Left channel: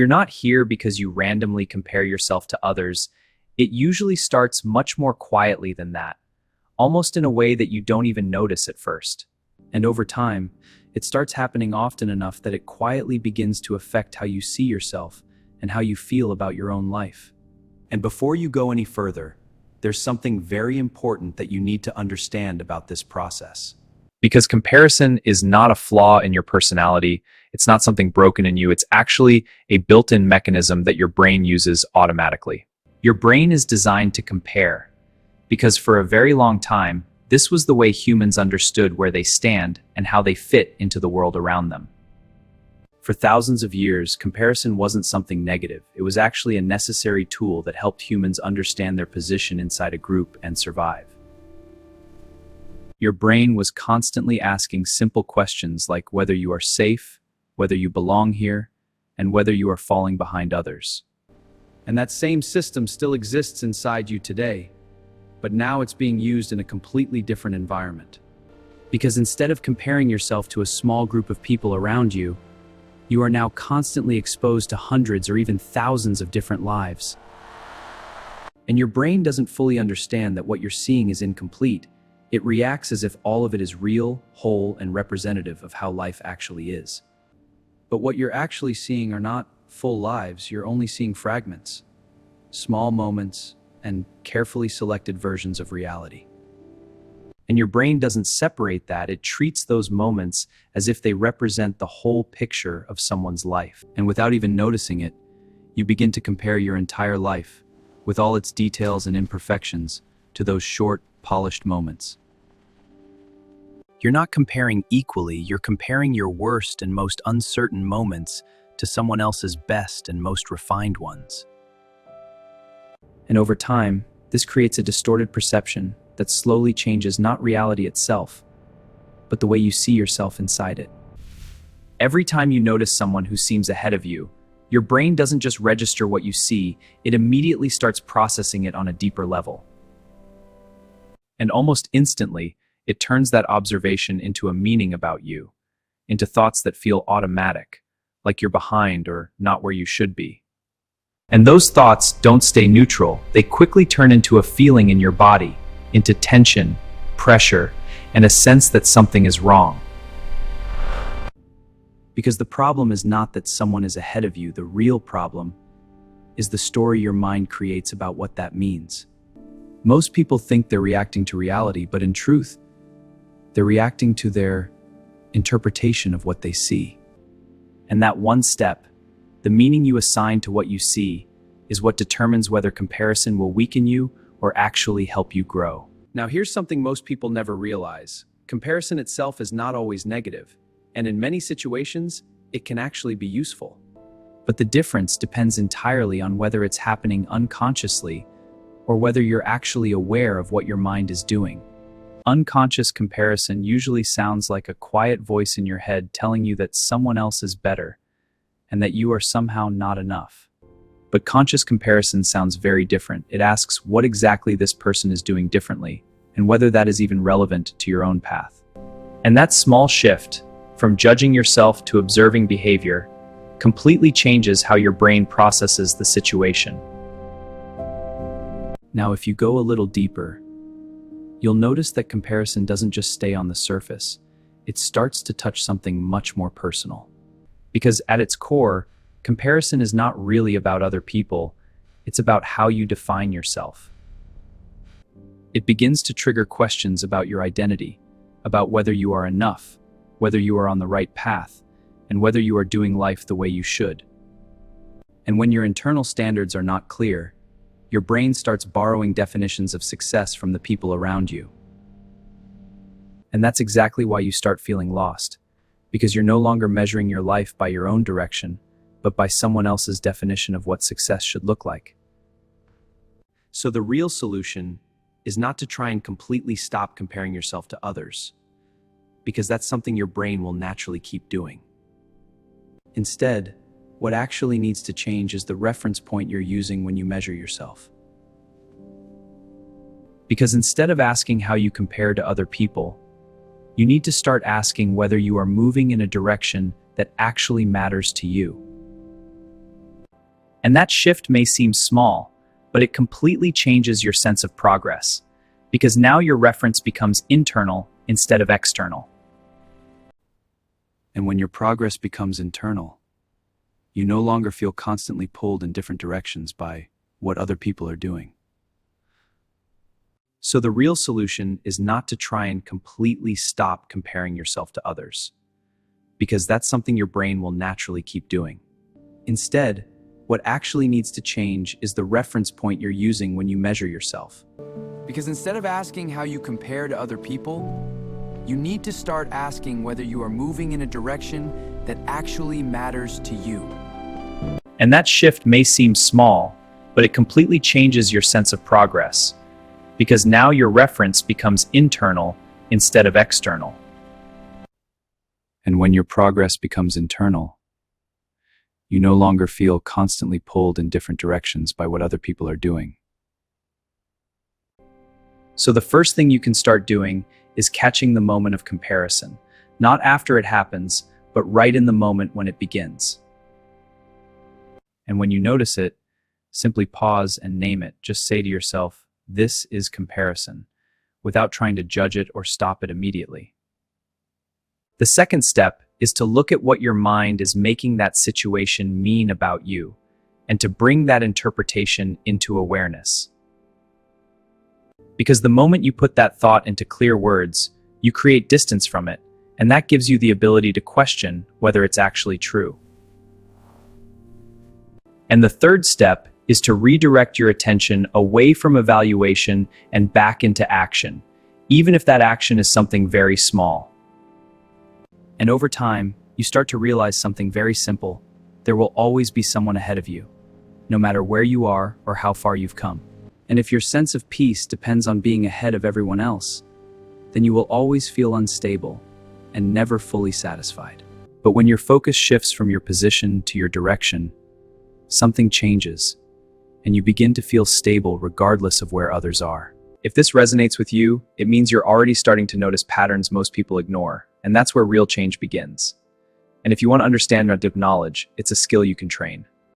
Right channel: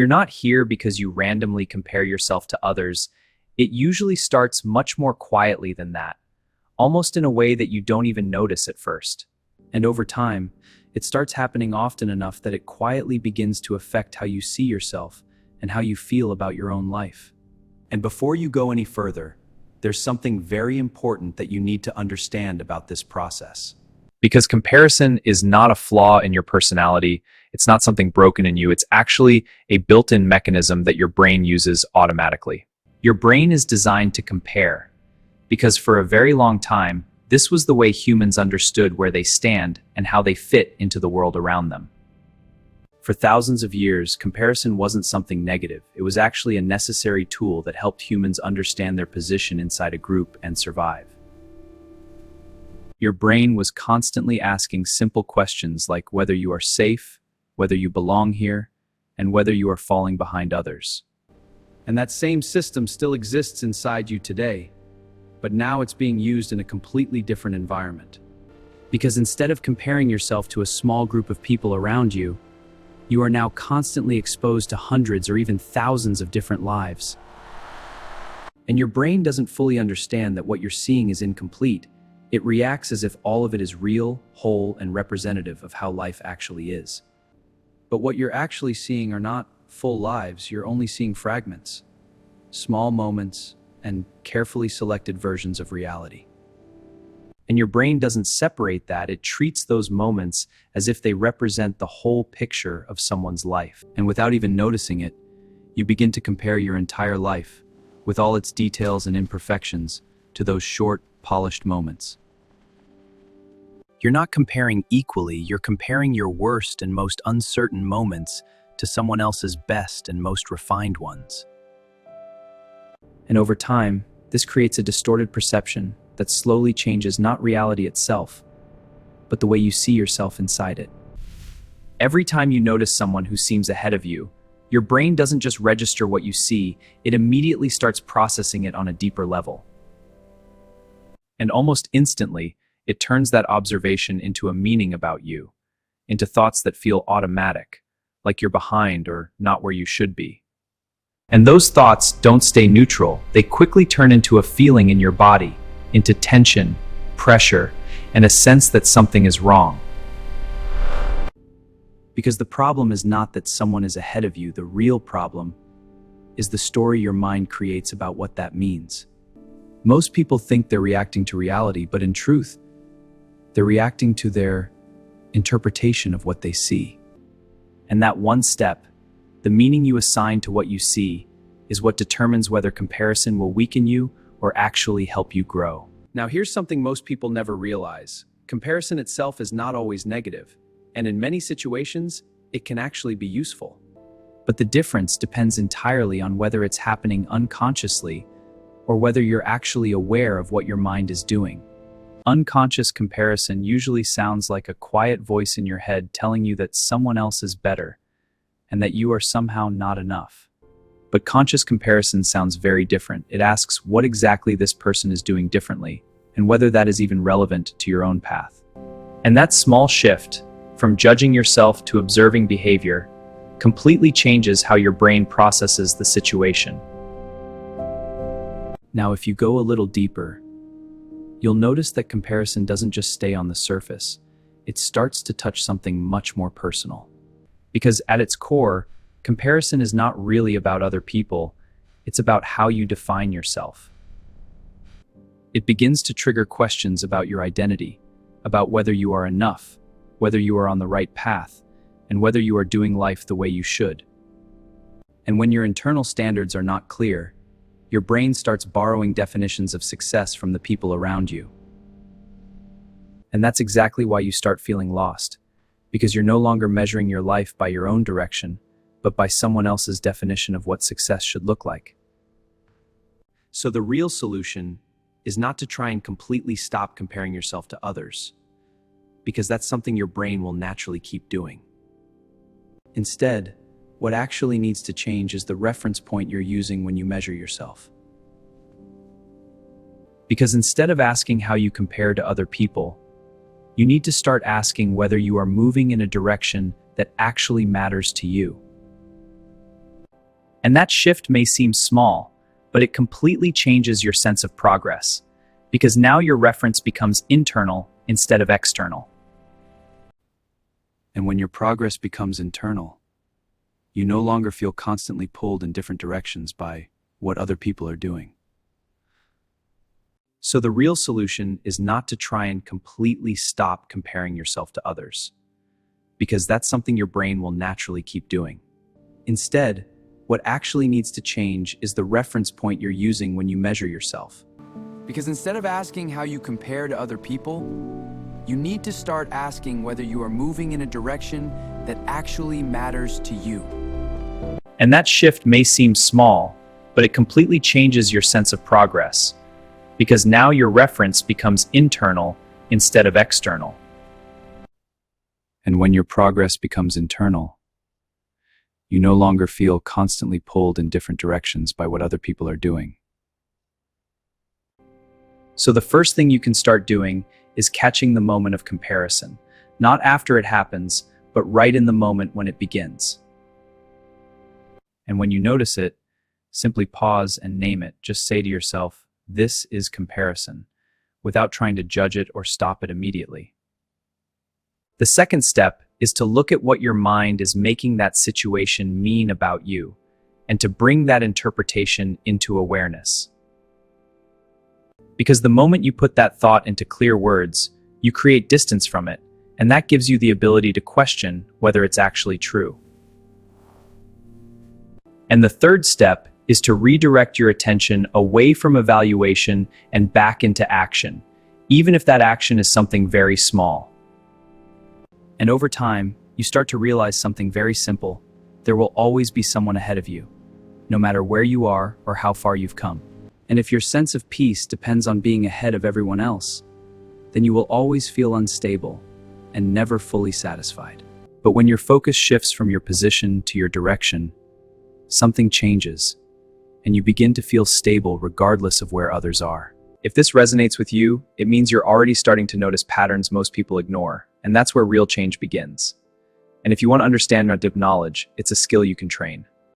You're not here because you randomly compare yourself to others. It usually starts much more quietly than that, almost in a way that you don't even notice at first. And over time, it starts happening often enough that it quietly begins to affect how you see yourself and how you feel about your own life. And before you go any further, there's something very important that you need to understand about this process. Because comparison is not a flaw in your personality, it's not something broken in you, it's actually a built-in mechanism that your brain uses automatically. Your brain is designed to compare, because for a very long time, this was the way humans understood where they stand and how they fit into the world around them. For thousands of years, comparison wasn't something negative. It was actually a necessary tool that helped humans understand their position inside a group and survive. Your brain was constantly asking simple questions like whether you are safe, whether you belong here, and whether you are falling behind others. And that same system still exists inside you today, but now it's being used in a completely different environment. Because instead of comparing yourself to a small group of people around you, you are now constantly exposed to hundreds or even thousands of different lives. And your brain doesn't fully understand that what you're seeing is incomplete. It reacts as if all of it is real, whole, and representative of how life actually is. But what you're actually seeing are not full lives, you're only seeing fragments, small moments, and carefully selected versions of reality. And your brain doesn't separate that, it treats those moments as if they represent the whole picture of someone's life. And without even noticing it, you begin to compare your entire life, with all its details and imperfections, to those short, polished moments. You're not comparing equally, you're comparing your worst and most uncertain moments to someone else's best and most refined ones. And over time, this creates a distorted perception that slowly changes not reality itself, but the way you see yourself inside it. Every time you notice someone who seems ahead of you, your brain doesn't just register what you see, it immediately starts processing it on a deeper level. And almost instantly, it turns that observation into a meaning about you, into thoughts that feel automatic, like you're behind or not where you should be. And those thoughts don't stay neutral, they quickly turn into a feeling in your body, into tension, pressure, and a sense that something is wrong. Because the problem is not that someone is ahead of you, the real problem is the story your mind creates about what that means. Most people think they're reacting to reality, but in truth, they're reacting to their interpretation of what they see. And that one step, the meaning you assign to what you see, is what determines whether comparison will weaken you or actually help you grow. Now, here's something most people never realize. Comparison itself is not always negative, and in many situations, it can actually be useful. But the difference depends entirely on whether it's happening unconsciously or whether you're actually aware of what your mind is doing. Unconscious comparison usually sounds like a quiet voice in your head telling you that someone else is better and that you are somehow not enough. But conscious comparison sounds very different. It asks what exactly this person is doing differently and whether that is even relevant to your own path. And that small shift, from judging yourself to observing behavior, completely changes how your brain processes the situation. Now, if you go a little deeper, you'll notice that comparison doesn't just stay on the surface. It starts to touch something much more personal. Because at its core, comparison is not really about other people, it's about how you define yourself. It begins to trigger questions about your identity, about whether you are enough, whether you are on the right path, and whether you are doing life the way you should. And when your internal standards are not clear, your brain starts borrowing definitions of success from the people around you. And that's exactly why you start feeling lost, because you're no longer measuring your life by your own direction, but by someone else's definition of what success should look like. So the real solution is not to try and completely stop comparing yourself to others, because that's something your brain will naturally keep doing. Instead, what actually needs to change is the reference point you're using when you measure yourself. Because instead of asking how you compare to other people, you need to start asking whether you are moving in a direction that actually matters to you. And that shift may seem small, but it completely changes your sense of progress, because now your reference becomes internal instead of external. And when your progress becomes internal, you no longer feel constantly pulled in different directions by what other people are doing. So the real solution is not to try and completely stop comparing yourself to others, because that's something your brain will naturally keep doing. Instead, what actually needs to change is the reference point you're using when you measure yourself. Because instead of asking how you compare to other people, you need to start asking whether you are moving in a direction that actually matters to you. And that shift may seem small, but it completely changes your sense of progress, because now your reference becomes internal instead of external. And when your progress becomes internal, you no longer feel constantly pulled in different directions by what other people are doing. So the first thing you can start doing is catching the moment of comparison, not after it happens, but right in the moment when it begins. And when you notice it, simply pause and name it. Just say to yourself, "This is comparison," without trying to judge it or stop it immediately. The second step is to look at what your mind is making that situation mean about you, and to bring that interpretation into awareness. Because the moment you put that thought into clear words, you create distance from it, and that gives you the ability to question whether it's actually true. And the third step is to redirect your attention away from evaluation and back into action, even if that action is something very small. And over time, you start to realize something very simple. There will always be someone ahead of you, no matter where you are or how far you've come. And if your sense of peace depends on being ahead of everyone else, then you will always feel unstable and never fully satisfied. But when your focus shifts from your position to your direction, something changes, and you begin to feel stable regardless of where others are. If this resonates with you, it means you're already starting to notice patterns most people ignore, and that's where real change begins. And if you want to understand addictive knowledge, it's a skill you can train.